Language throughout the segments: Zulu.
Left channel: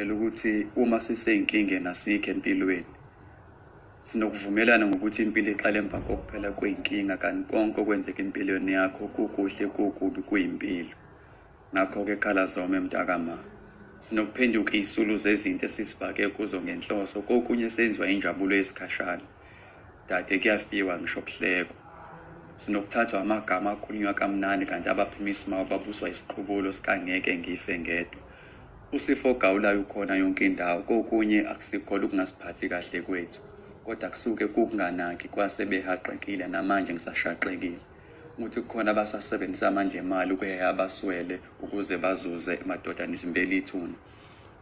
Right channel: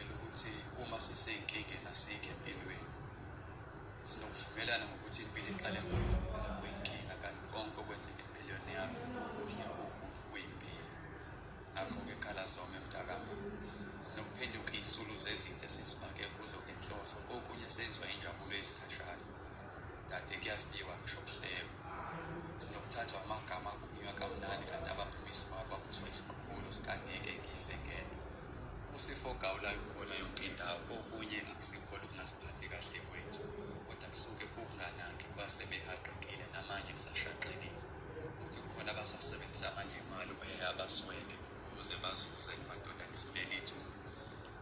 phela ukuthi uma siseyinkinga nasikho empilweni sinokuvumelana ngokuthi impilo iqala emva kokuphela kweyinkinga, kanti konke okwenzeka empilweni yakho kukuhle kukubi kuyimpilo. Ngakho-ke khala zome mntakama, sinokuphenduka izisulu zezinto esisibhake kuzo ngenhloso, kokunye senziwa injabulo yesikhashana. Dade kuyafiwa ngisho kuhlekwa. Sinokuthathwa amagama akhulunywa kamnandi kanti abaphimisi mawo babuswa isiqubulo sikangeke ngife ngedwa. Usifo ogawulayo ukhona yonke indawo, kokunye akusikholwa ukungasiphathi kahle kwethu, kodwa kusuke kukunganaki kwasebehaqekile namanje ngisashaqekile. Ukuthi kukhona abasasebenzisa amanje imali ukuheha abaswele ukuze bazuze emadodana isimbeli ithuna.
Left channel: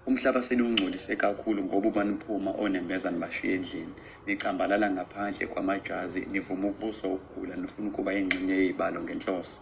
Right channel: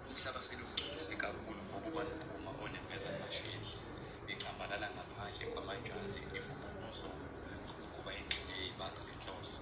Umhlaba selungcolise kakhulu ngoba ubaniphuma onembeza nibashiya endlini, nicambalala ngaphandle kwamajazi, nivuma ukubuswa ukugula, nifuna ukuba ingxenye yezibalo ngenhloso.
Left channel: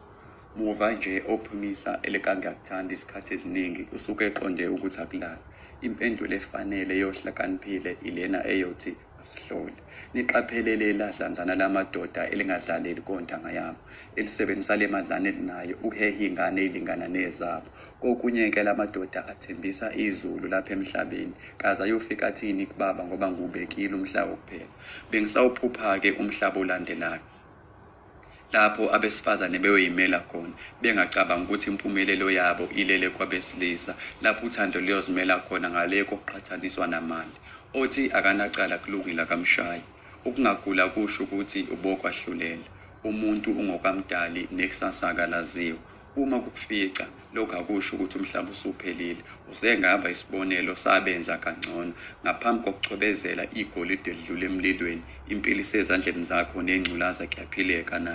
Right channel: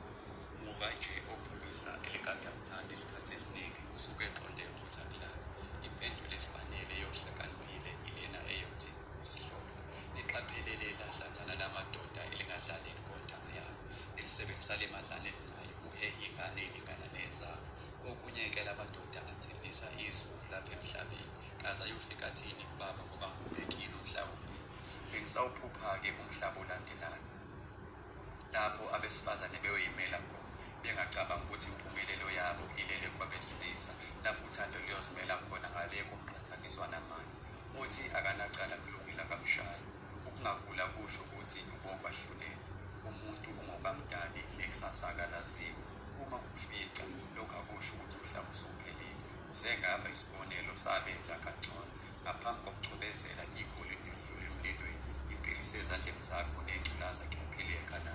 Muva nje ophumisa elekangakuthanda isikhathi eziningi usuke eqonde ukuthi akulala. Impendulo efanele yohlakaniphile ilena eyothi asihlole. Niqaphelele ladlanzana lamadoda elingadlaleli kontanga yabo, elisebenzisa le madlana elinayo ukuheha ingane elingana nezabo. Kokunye-ke lamadoda athembisa izulu lapha emhlabeni, kaze ayofika athini kubaba ngoba ngubekile umhlaba kuphela. Bengisawuphupha-ke umhlaba olandelayo, lapho abesifazane beyoyimela khona, bengacabanga ukuthi impumelelo yabo ilele kwabesilisa, lapho uthando luyozimela khona ngale kokuqhathaniswa namali. Othi akanacala kulungile akamshayi. Ukungagula kusho ukuthi ubokwahlulela. Umuntu ungokwamdali nekusasa akalaziwa. Uma kukufica lokhu akusho ukuthi umhlaba usuphelile. Usengaba isibonelo sabenza kangcono. Ngaphambi kokucwebezela igolide lidlule emlilweni, impilo isezandleni zakho nengculaza kuyaphileka nayo.